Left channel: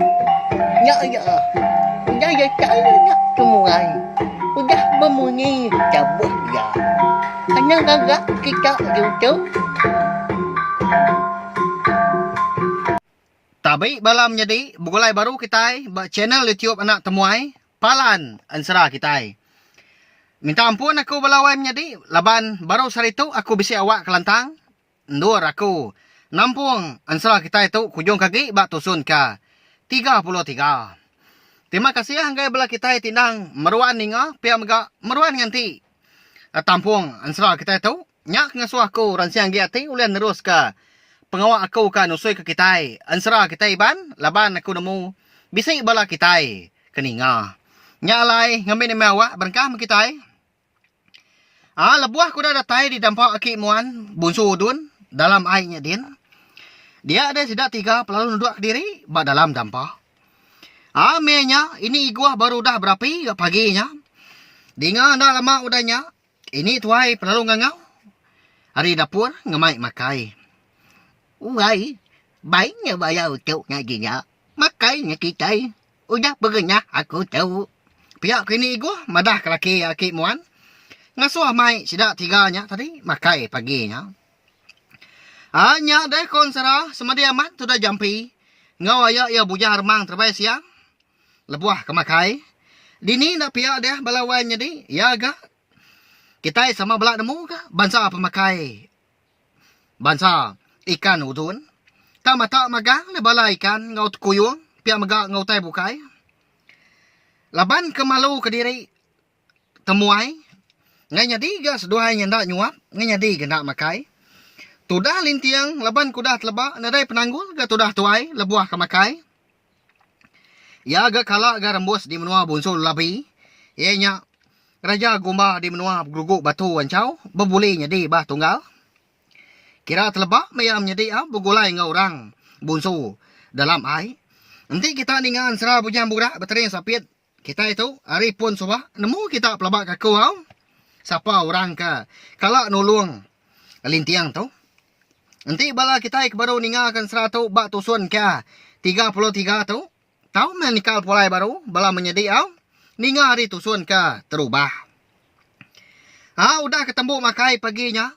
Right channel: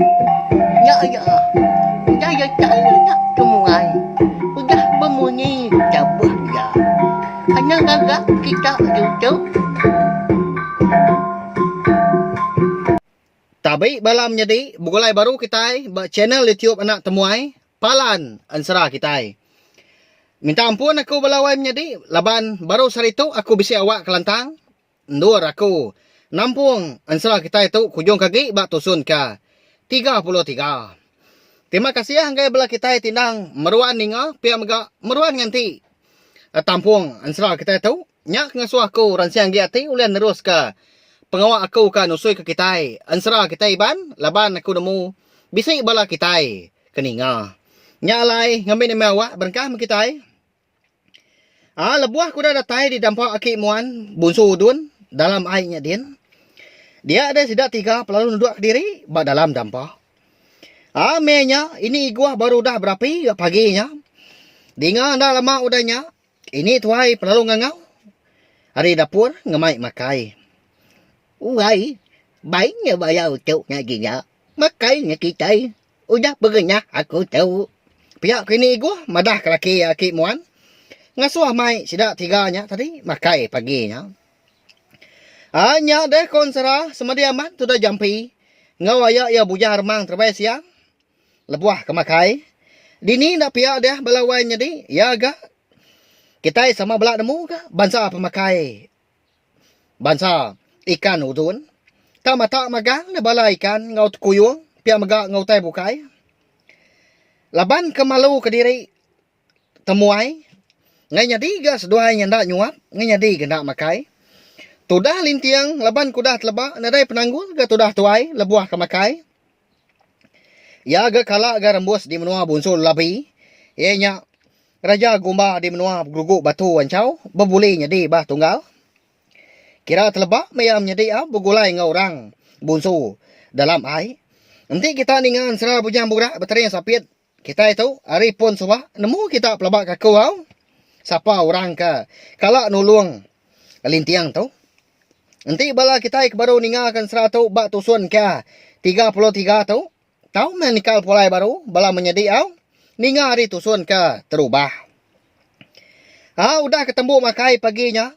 Ya ya. Udah ya cari nak kemuai. Udah berbunyi cabut ya. Hanya gagak kita duduk. Tabi balam jadi bugulay baru kita ba channel YouTube anak temuai palan ansara kita. Minta ampun aku balawai menjadi laban baru sarito aku bisi awak kelantang. Ndur aku nampung ansara kita itu kujung kaki ba tusun ka 33. Terima kasih hanggai bala kita tinang meruan ninga pia mega meruan nganti. Tampung ansara kita itu nyak ngasuh aku ransiang giati ulian nerus ka pengawak aku ka nusui ke kita. Ansara kita iban laban aku nemu bisi bala kita keninga. Nyalai ngambil mewah berkah kita. Lebuah kuda datai di dampak aki muan bunsu udun dalam airnya din. Dia ada sidak 3 pelalu nuduk ke diri ba dalam dampak. Menya ini iguah baru dah berapi paginya. Dinga dah lama udahnya. Ini tuai pelalu ngangau. Hari dapur ngemai makai. Uai, baiknya bayar untuk ngajinya. Makanya kita udah berenya aku tahu. Pihak kini iguah madah kelaki aki muan. Ngasuh mai sidak 3-nya tadi makai paginya. Hanya deh konsera semadi amat sudah jampi. Ngawaya ya bujah remang terbaik siang. Lebuah kemakai. Dini nak pihak deh balawai jadi ya agak. Kita sama belak nemu ke bansa pemakai. Bansa ikan udun. Tak mata magang na bala ikan ngau kuyung. Pihak maga ngau tay bukai. Laban kemalu ke diri temuai. Ngay nyadi ga seduai nyanda nyuap. Ngay nyadi ga nak makai. Tudah lintiang laban kudah telebak. Nadai penanggul ga tudah tuai lebuah kemakai. Ya ga kala ga rembus di menua bunsul labi. Ianya raja gumba di menua geruguk batu wancau. Berbuli nyadi bah tunggal. Kira telebak mayam nyadi begulai ngau orang bunsu dalam air. Nanti kita ningan serah bujang budak bateri yang sapit. Kita itu hari pun subah nemu kita pelabak kaku au. Siapa orang ke kalau nulung lintiang tu. Nanti bala kita baru ningalkan 100 bak tusun ke 33 tu. Tahu menikal pulai baru bala menjadi au. Ningal hari tusun ke terubah. Udah ketemu makai paginya.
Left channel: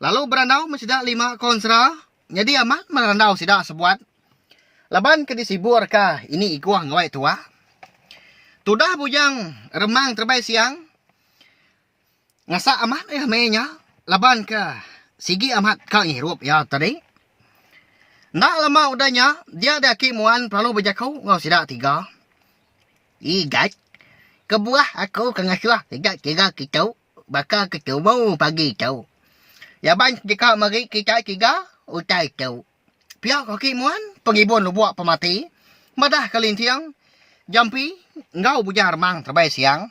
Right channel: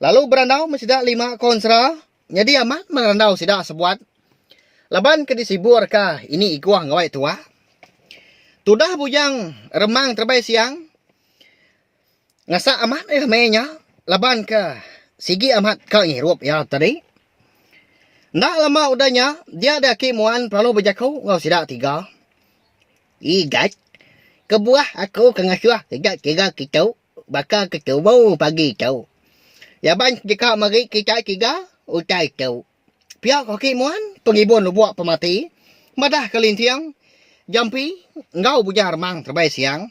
Lalu berandau mesidak 5 konsera. Jadi amat merandau sidak sebuat. Laban ke disibur ke ini iguah ngawai tua. Tudah bujang remang terbaik siang. Ngasa amat menya. Laban ke sigi amat ke ngirup ya tadi. Ndak lama udahnya. Dia ada kimuan perlu berjakau ngau sidak 3. Igat. Kebuah aku kengasuh sejak 3 kita. Bakal ketemu pagi tau. Yaban jika mari kita 3 utai tau. pihak kaki muan pengibun lubuak pemati. Madah kelintiang. Jampi ngau bujar mang terbaik siang.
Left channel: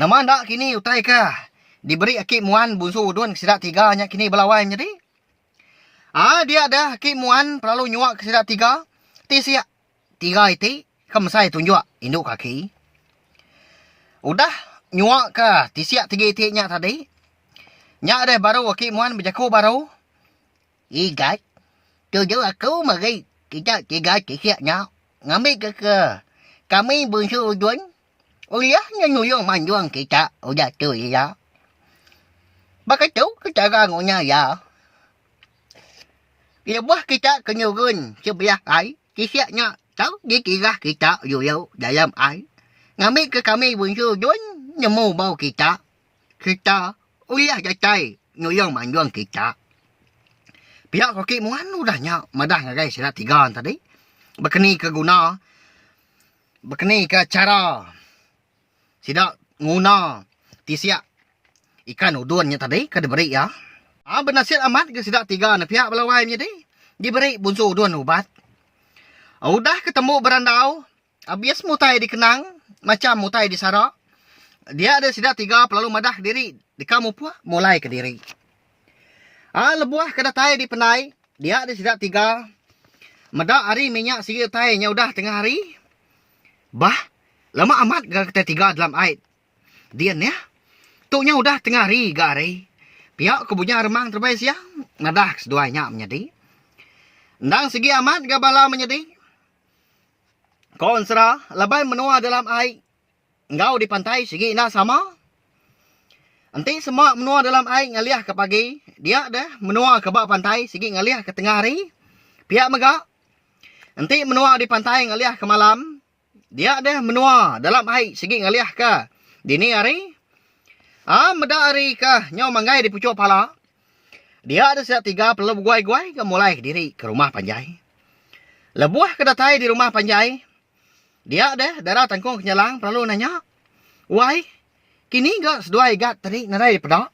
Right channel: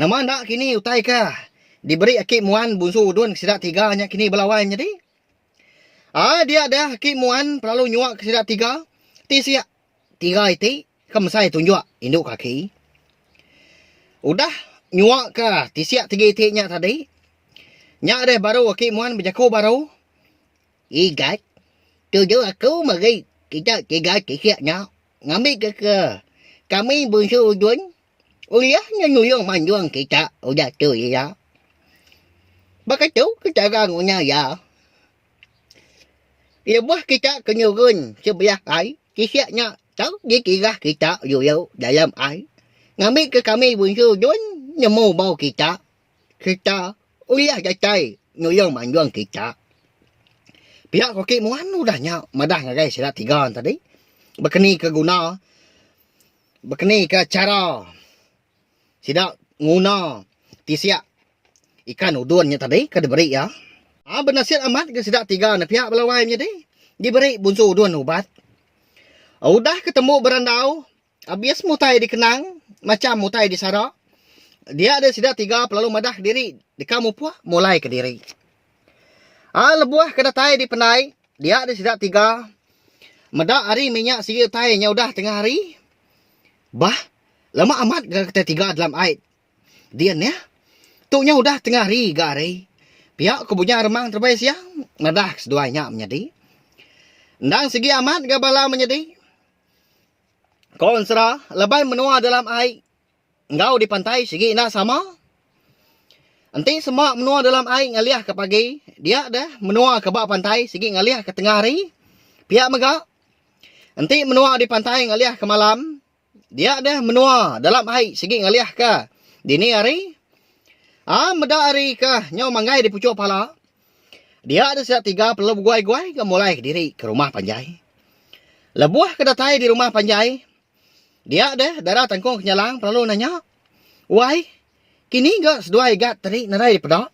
Nama ndak kini utai ka. Diberi akik muan bunsu udun sidak 3 nya kini belawai jadi. Dia ada akik muan perlu nyuak ke sidak 3. Ti siak 3 itu kemsai tunjuk induk kaki. Udah nyuak ke ti siak 3 itu nya tadi. Nya ada baru akik muan berjaku baru. Igat. Tujuh aku mari kita 3 siaknya. Ngambil ke kami bunsu udun. Uliahnya nyuyung manjuang kita. Udah tu ya. Bakal tu kita rangunya ya. Lebuah kita kenyurun sebelah air. Kisiaknya tahu dia kira kita yuyuk dalam air. Ngambil ke kami bunsu udun. Nemu bau kita. Kita uliah jatai nyuyung manjuang kita. Pihak kaki muan udahnya. Madah ngagai silat 3 tadi. Berkeni ke guna. Berkeni ke cara. Sidak nguna tisiak ikan udunnya tadi ke diberi ya. Bernasihat amat ke sidak 3 na pihak belawai jadi diberi bunsu udun ubat. Udah ketemu berandau. Habis mutai dikenang macam mutai di sarak. Dia ada sidak 3 pelalu madah diri di kamu puah mulai ke diri. Lebuah ke datai di penai. Dia ada sidak 3. Madah hari minyak sigi tainya udah tengah hari. Bah lama amat kita 3 dalam air. Dian ya. Tuknya udah tengah hari gari. Pihak kebunya remang terbaik siang. Nadah seduanya menjadi. Ndang segi amat gabala menjadi. Konsra, lebay menua dalam air. Engkau di pantai segi nak sama. Nanti semua menua dalam air ngaliah ke pagi. Dia dah menua ke bawah pantai segi ngaliah ke tengah hari. Pihak megak. Nanti menua di pantai ngaliah ke malam. Dia dah menua dalam air segi ngaliah ke dini hari. Meda hari ke nyaw manggai di pucuk pala. Dia ada siap 3 perlu guai-guai ke mulai ke diri ke rumah panjai. Lebuah ke datai di rumah panjai. Dia dah darah tangkung kenyalang perlu nanya. Wai, kini gak seduai gat tadi narai di pedak.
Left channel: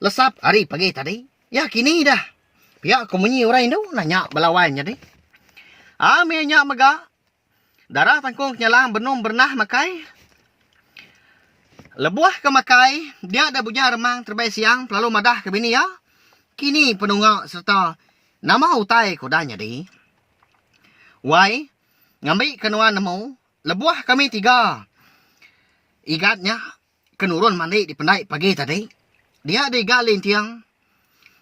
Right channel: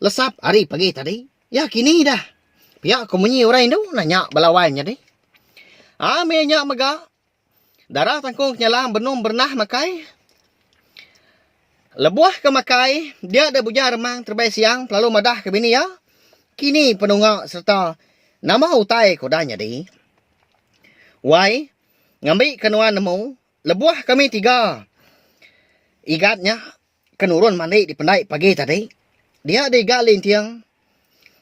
Lesap hari pagi tadi. Ya kini dah. Pihak komunyi orang itu nanya balawan jadi. Menyak mega. Darah tangkung kenyalang benum bernah makai. Lebuah ke makai. Dia ada buja remang terbaik siang. Perlu madah ke bini ya. Kini penunggak serta nama utai kodanya di. Wai, ngambil kenuan nemu. Lebuah kami 3. Igatnya kenurun mandi di pendai pagi tadi. Dia ada igat lintiang.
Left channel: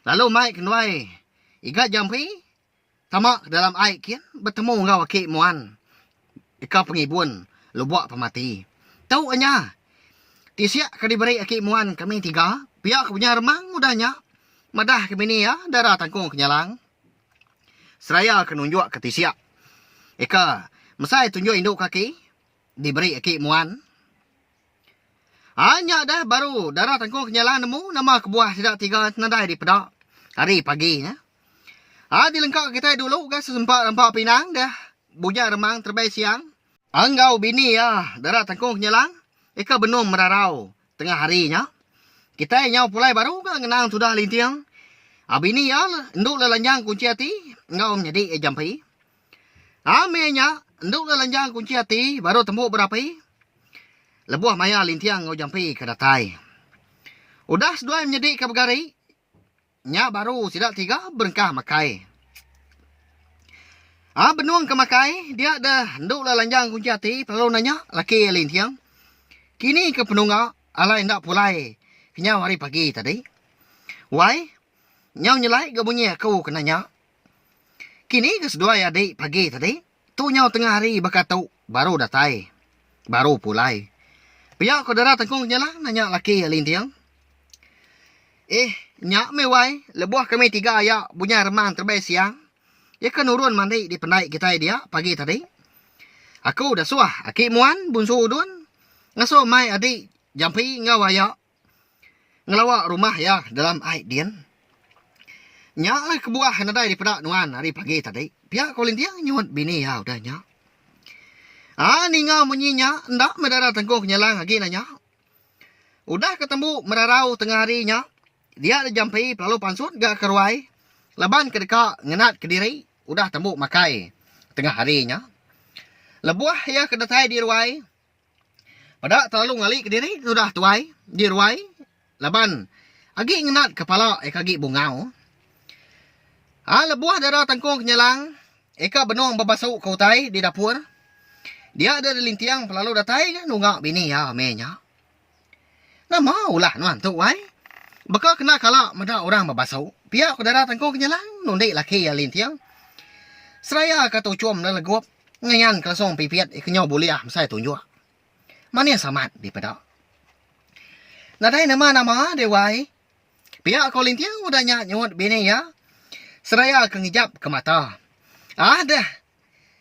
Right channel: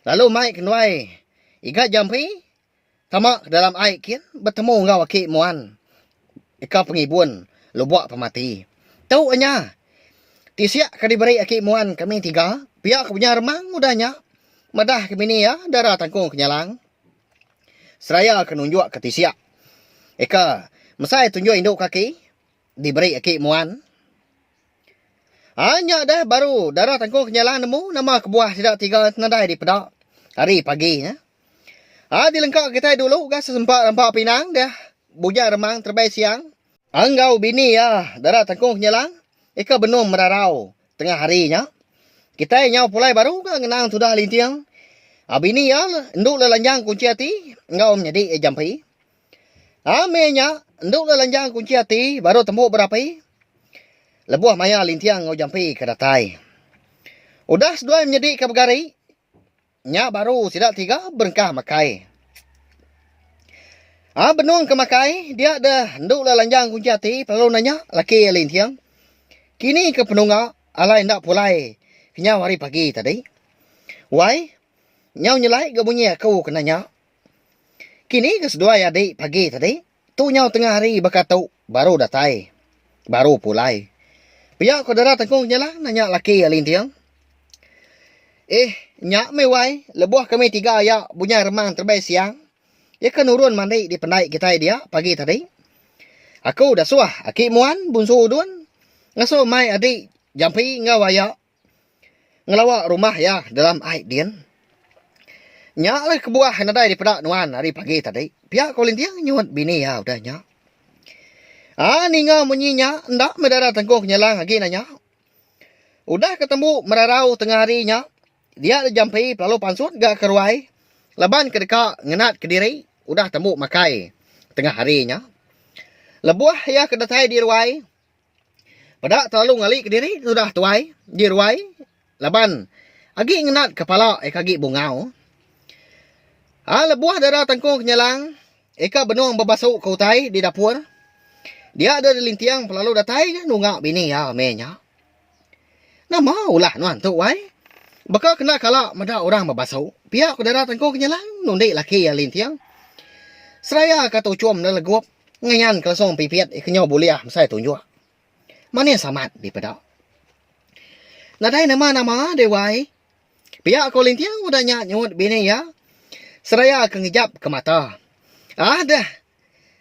Lalu mai kenuai. Igat jampi. Tamak dalam air kian. Bertemu ngau wakil muan. Ika pengibun. Lebuak pemati. Tahu anya. Tisiak ka diberi akik muan kami 3. Pihak punya remang mudahnya. Madah kami ni ya. Darah tangkung kenyalang. Seraya kenunjuk ke tisiak. Eka, mesai tunjuk induk kaki. Diberi akik muan. Hanya dah baru darah tangkung kenyalang nemu. Nama kebuah tidak 3 nadai di pedak. Hari pagi ya. Dilengkap kita dulu. Gas sempat nampak pinang dah. Buja remang terbaik siang. Anggau bini ya. Darah tangkung kenyalang. Eka benum merarau. Tengah harinya. Kita nyau pulai baru. Ngenang sudah lintiang. Bini ya. Nduk lelanjang kunci hati. Enggau menjadi jampi. Menya, nduk lelanjang kunci hati, baru tembuk berapi. Lebuah maya lintiang ngau jampi ke datai. Udah sedua menjadi ke begari. Nya baru sidak 3 berengkah makai. Benung ke makai, dia dah nduk lelanjang kunci hati, perlu nanya, laki lintiang. Kini ke penunggak, alai ndak pulai. Kenyau hari pagi tadi. Wai, nyau nyelai ke bunyi aku kenanya. Kini ke sedua adik pagi tadi. Tu nyau tengah hari berkatu. Baru datai. Baru pulai. Pihak kodara tangkung kenyalang nanya laki lintiang. Nyak mewai. Lebuah kami 3 ayak punya remang terbaik siang. Ia kan urun mandi di pendai kita dia pagi tadi. Aku dah suah. Akik muan bunsu udun. Ngaso mai adik jampi ngau ayak. Ngelawak rumah ya dalam air dian. Nyak lah kebuah nadai di pedak nuan hari pagi tadi. Pihak kolintiang nyuat bini ya udah nyak. Ni ngau munyinya. Ndak medara tangkung kenyalang lagi nanya. Udah ketemu merarau tengah harinya. Dia ada jampi lalu pansut gak keruai. Leban ke dekat ngenat ke diri. Udah temu makai tengah harinya. Lebuah ya ke datai di ruai. Pada terlalu ngali ke diri. Sudah tuai di ruai. Leban agi ngenat kepala kagi bungau. Lebuah darah tangkung kenyalang. Eka benung babasuk ke utai di dapur. Dia ada di lintiang pelalu datai. Nunggak bini ya menya. Nah maulah nuan tu wai. Baka kena kalak mada orang babasuk. Pihak ku darah tangkung kenyalang. Nundik laki ya lintiang. Seraya kata ucum dan legup. Ngayan kelasong pipiat. Kenyau buliah saya tunjuk. Mana samat di pedak. Nadai nama-nama dewai. Pihak ku lintiang udah nyut bini ya. Seraya kengijap ke mata. Dah.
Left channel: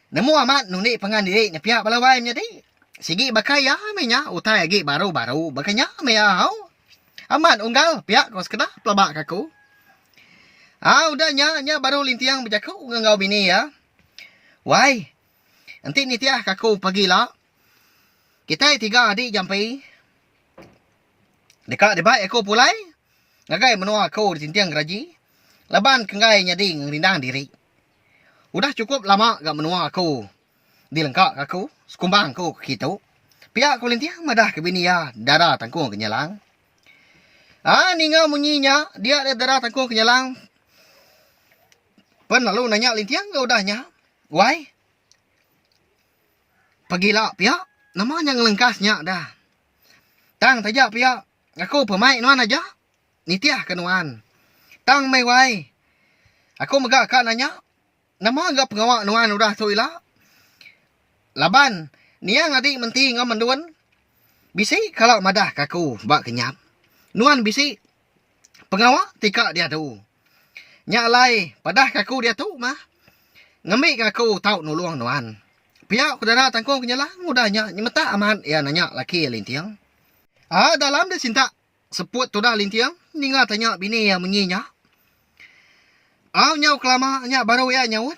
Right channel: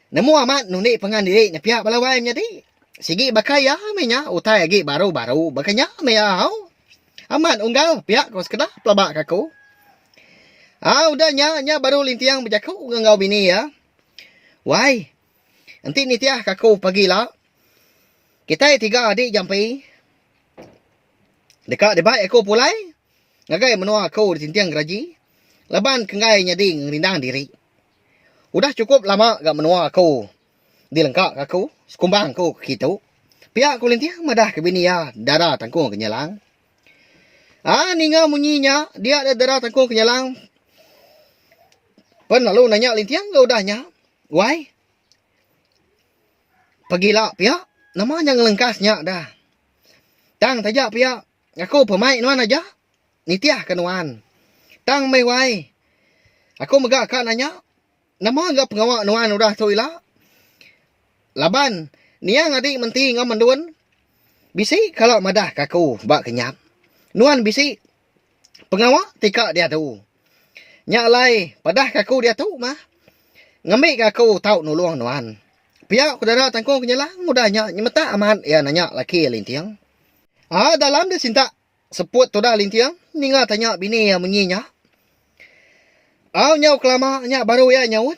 Nemu amat nunik pengan diri nya pihak balawai menjadi. Sigi bakai ya menya utai lagi baru-baru bakanya meau. Amat unggal pihak kau sekedah pelabak kaku. Udah nya baru lintiang berjaku ngau bini ya. Wai. Nanti ni tiah kaku pagilah. Kita 3 adik jampi. Dekat debat aku pulai. Ngagai menua aku di tintiang geraji. Laban kengai nyadi ngerindang diri. Udah cukup lama gak menua aku. Dilengkak aku. Sekumbang aku ke kitu. Pihak aku lintiang madah ke bini ya. Darah tangkung kenyalang. Ningau munyinya. Dia ada darah tangkung kenyalang. Pen lalu nanya lintiang gak udahnya. Wai. Pagilah pihak. Namanya ngelengkasnya dah. Tang tajak pihak. Aku pemain nuan aja. Nitiah kenuan. Tang mewai. Aku megak kak nanya. Nama agak pengawak nuan udah tu ilah. Laban, niang adik menti ngam manduan. Bisi kalau madah kaku bak kenyap. Nuan bisi pengawak tika dia tu. Nyak lai padah kaku dia tu mah. Ngambil kaku tau nulung nuan. Pihak kudara tangkong kenyala mudahnya nyemeta aman ya nanya laki lintiang. Dalam dia cinta seput tu dah lintiang. Ninga tanya bini yang menyinya. Nyau kelama nyak baru ya nyawut.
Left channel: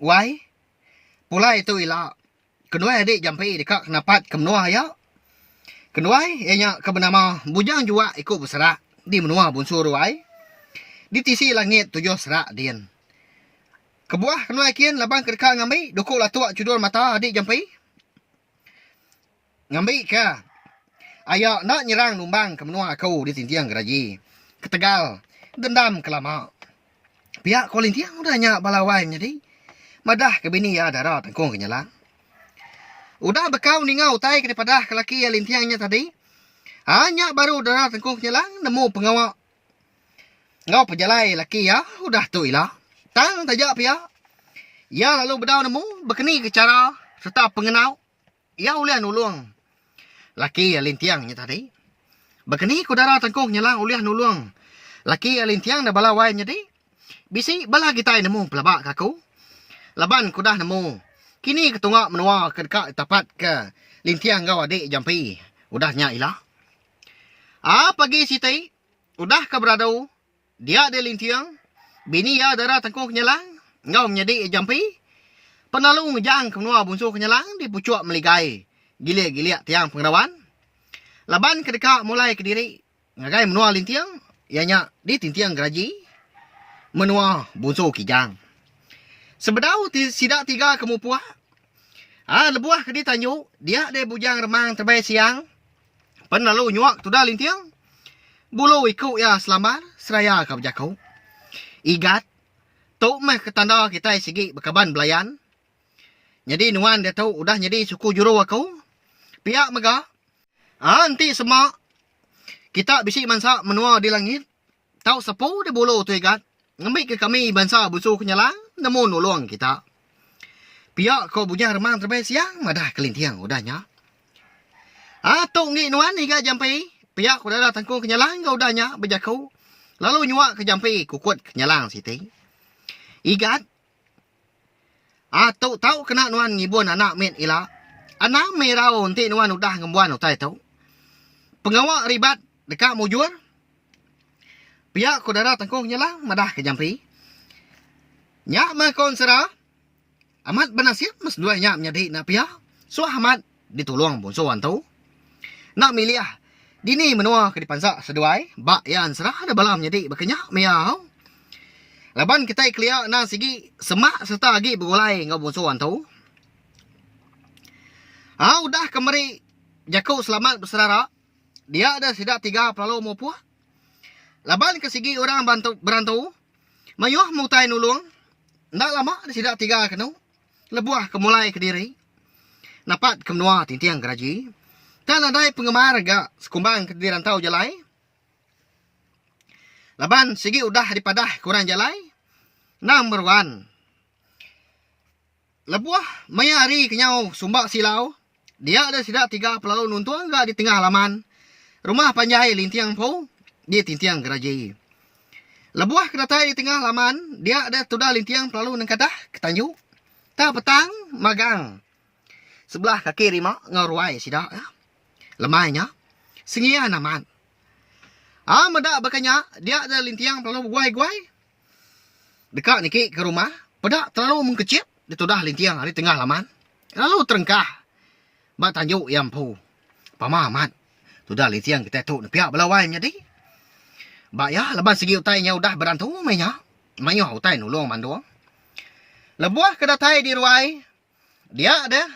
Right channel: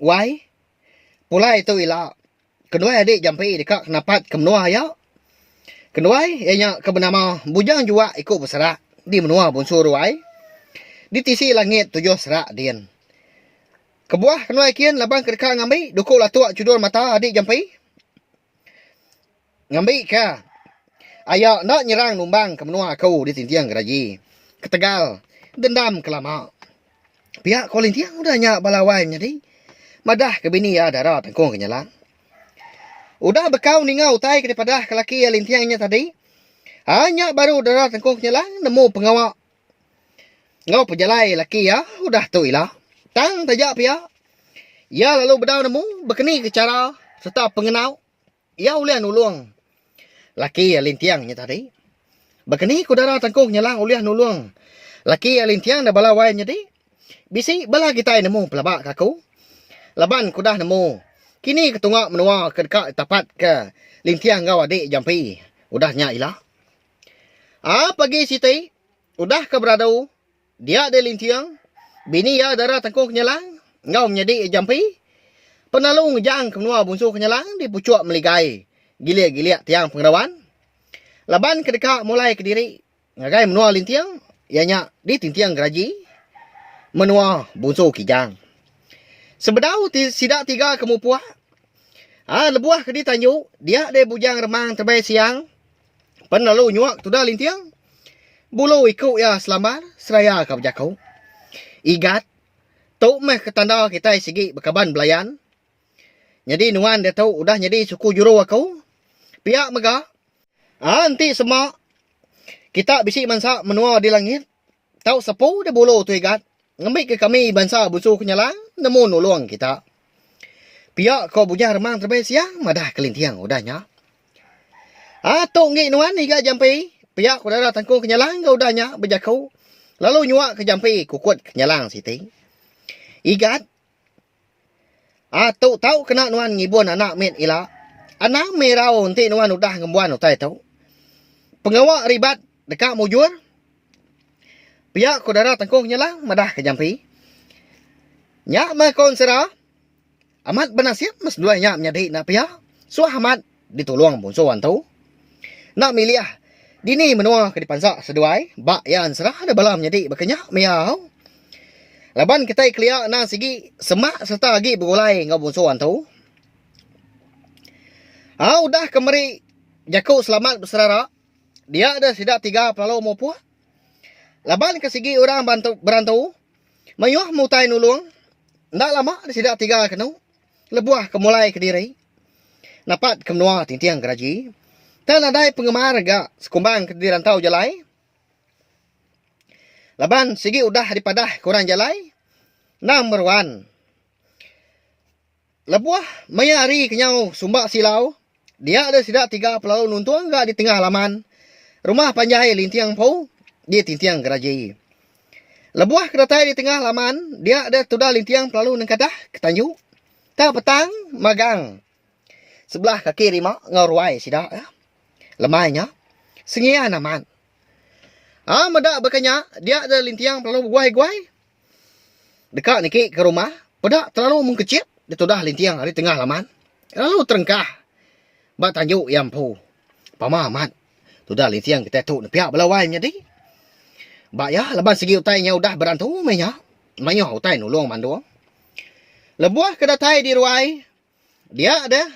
Wai. Pulai tu ila. Kedua adik jampi dekat kenapat kemenua ya. Kedua ianya kebenama bujang jua ikut berserak di menua bunsur wai. Di tisi langit tujuh serak dian. Kebuah kedua kian labang kedeka ngambil dukul atuk cudul mata adik jampi. Ngambil ke. Ayak nak nyerang numbang kemenua aku di tintiang geraji. Ketegal dendam kelama. Pihak kolintiang udah nyak balawai jadi. Madah ke bini ya darah tangkung kenyalang. Udah bekau ningau tai daripada ke laki yang lintiangnya tadi. Hanya baru darah tangkung kenyalang nemu pengawak. Ngau pejalai laki ya udah tu ilah. Tang tajak pihak. Ya lalu bedau nemu berkeni ke cara serta pengenau. Ya ulian nulung. Laki yang lintiangnya tadi. Berkeni ku darah tangkung kenyalang ulian nulung. Laki yang lintiang dah balawai jadi. Bisi bala kita nemu pelabak kaku. Laban ku dah nemu. Kini ketungak menua ke dekat tapat ke lintiang ngau adik jampi. Udahnya ilah. Pagi siti. Udah ke beradu. Dia ada lintiang. Bini ya darah tangkung kenyalang. Ngau menjadi jampi. Penalung jang ke menua bunsu kenyalang. Di pucuk meligai. Gilia-gilia tiang pengerawan. Laban ke dekat mulai ke diri. Ngagai menua lintiang. Ianya di tintiang geraji. Menua bunsu kijang. Sebedau sidak tiga kemupuah. Lebuah ke ditanyu. Dia ada bujang remang terbaik siang. Penalu nyuak tu dah lintiang. Bulu ikut ya selamar. Seraya ke berjakau. Igat. Tuk meh ketanda kita segi berkaban belayan. Jadi nuan dia tahu udah jadi suku juru aku. Pihak megah. Nanti semak. Kita bisi mansa menua di langit. Tahu sepu dia bulu tu igat. Ngambil ke kami bangsa busu kenyalang. Nemu nulung kita. Pihak kau bujang remang terbaik siang. Madah kelintiang udahnya. Tok ngik nuan igat jampi. Pihak kau darah tangkung kenyalang. Kau udahnya berjakau. Lalu nyuak ke jampi kukut kenyalang siti. Igat. Tok tahu kena nuan ngibun anak mit ila. Anak merau nanti nuan udah ngembuan utai tahu. Pengawak ribat dekat mujur. Pihak kau darah tangkung kenyalang. Madah ke jampi. Nyak mah konsera. Amat benasib mas dua nyak menjadi nak pihak. So amat ditolong pun so tu. Nak milih dini menua ke dipansak seduai. Bak yan serah ada balam jadi berkenyak miau. Laban kita ikliak na sigi semak serta lagi berulai ngau pun so tu. Udah kemari jaku selamat berserara. Dia ada sidak 3 pelalau mau puah. Laban ke sigi orang berantau. Mayuh mutai nulung. Ndak lama ada sidak 3 kenu. Lebuah kemulai ke diri. Napat ke menua tintiang geraji. Tan adai penggemar gak sekumbang ke diri rantau jalai. Laban sigi udah dipadah kurang jalai. Number 1. Lebuah mayari kenyau sumbak silau. Dia ada sidak 3 pelalau nuntuang gak di tengah halaman. Rumah panjai lintiang pau. Di tintiang geraji. Lebuah kedatai di tengah halaman. Dia ada tudah lintiang pelalu nengkadah ketanju. Tak petang magang. Sebelah kaki rima ngaruai sidak ya. Lemainya. Sengian aman. Medak berkenya. Dia ada lintiang pelalu guai-guai. Dekat niki ke rumah. Pedak terlalu mengkecip. Dia tudah lintiang di tengah halaman. Lalu terengkah. Bak tanjuk yang pu. Pama amat. Tudah lintiang kita tu pihak belawai jadi. Bak ya leban segi utainya udah berantu menya. Mayuh utai nulung mandu. Lebuah kedatai di ruai. Dia ada.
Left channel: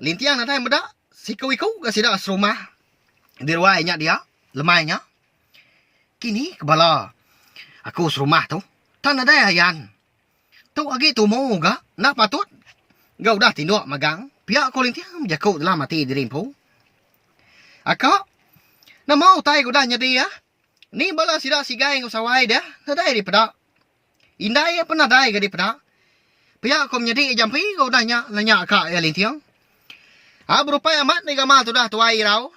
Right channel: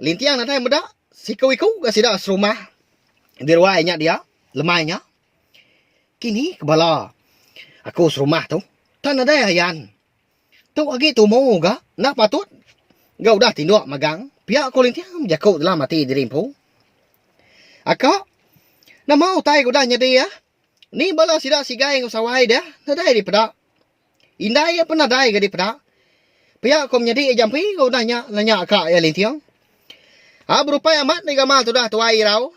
Lintiang natai medak. Siku-iku ke sidak serumah. Di ruainya dia. Lemainya. Kini kebala. Aku serumah tu. Tan ada ayan. Tu lagi tu mau ga. Nak patut. Gak udah tinduk magang. Pihak aku lintiang jakut dalam mati di rimpu. Akak. Nak mau tai kuda nyedi ya. Ni bala sidak sigai ngusawai dia. Nadai di pedak. Indai apa nadai ke di pedak. Pihak kau menjadi jampi kau nanya akak ya lintiang. Berupai amat ni gamal tu dah tuai rau.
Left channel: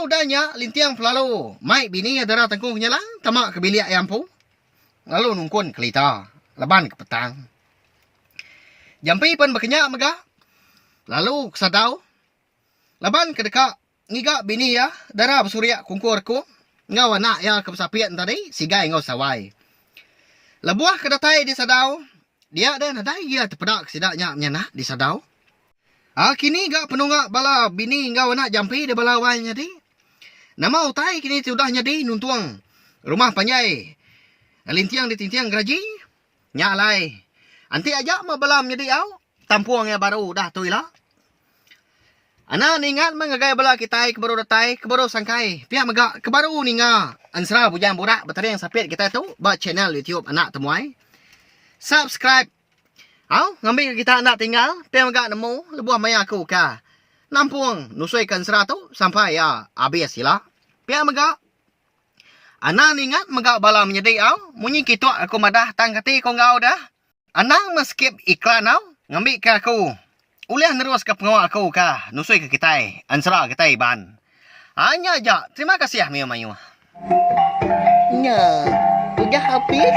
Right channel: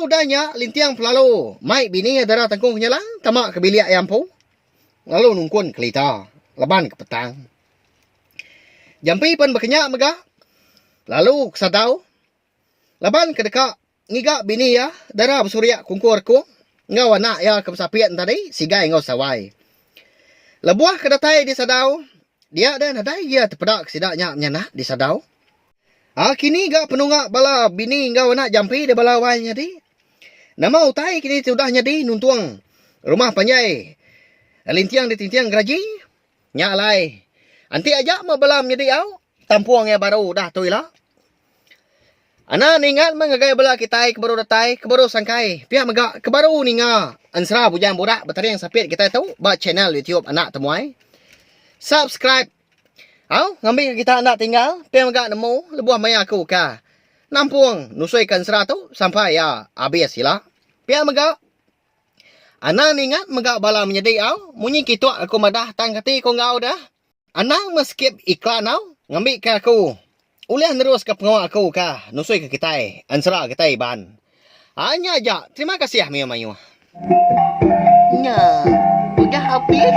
Udahnya lintiang pelalu. Mai bini adara tangkung kenyalang. Tamak ke bilik ayam pu. Lalu nungkun kelita. Leban ke petang. Jampi pan berkenyak megah. Lalu kesadau. Leban ke dekat. Ngiga bini ya. Dara bersurya kungkur ku. Ngau anak ya kesapian tadi. Sigai ngau sawai. Lebuah kedatai di sadau. Dia dan nadai dia terpedak sidaknya menyanah di sadau. Kini gak penunggak bala bini ngau anak jampi di bala wainya di. Nama utai kini sudah nyadi nuntuang. Rumah panjai. Lintiang di tintiang geraji. Nyalai. Anti aja mau balam nyadi au. Tampuang ya baru dah tu ilah. Ana ningat mengagai bala kita kebaru datai kebaru sangkai. Pihak megak kebaru ninga. Ansra bujang borak batari yang sapit kita tu. Ba channel YouTube anak temuai. Subscribe. Ngambil kita anak tinggal. Pihak megak nemu. Lebuah maya aku ka. Nampuang nusuikan sera tu. Sampai ya habis sila. Pihak megak. Ana ningat megak bala menjadi au. Munyi kitua aku madah tangkati kau ngau dah. Ana skip iklan au. Ngambil ke aku. Uliah nerus ke pengawal aku kah. Nusui ke kita. Ansra kita ban. Hanya aja. Terima kasih Mayu. Nah, udah habis.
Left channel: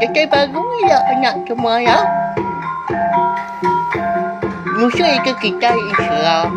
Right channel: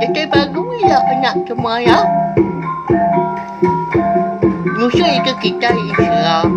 Jadi baru ya anak semua ya. Nusui ke kita Islam.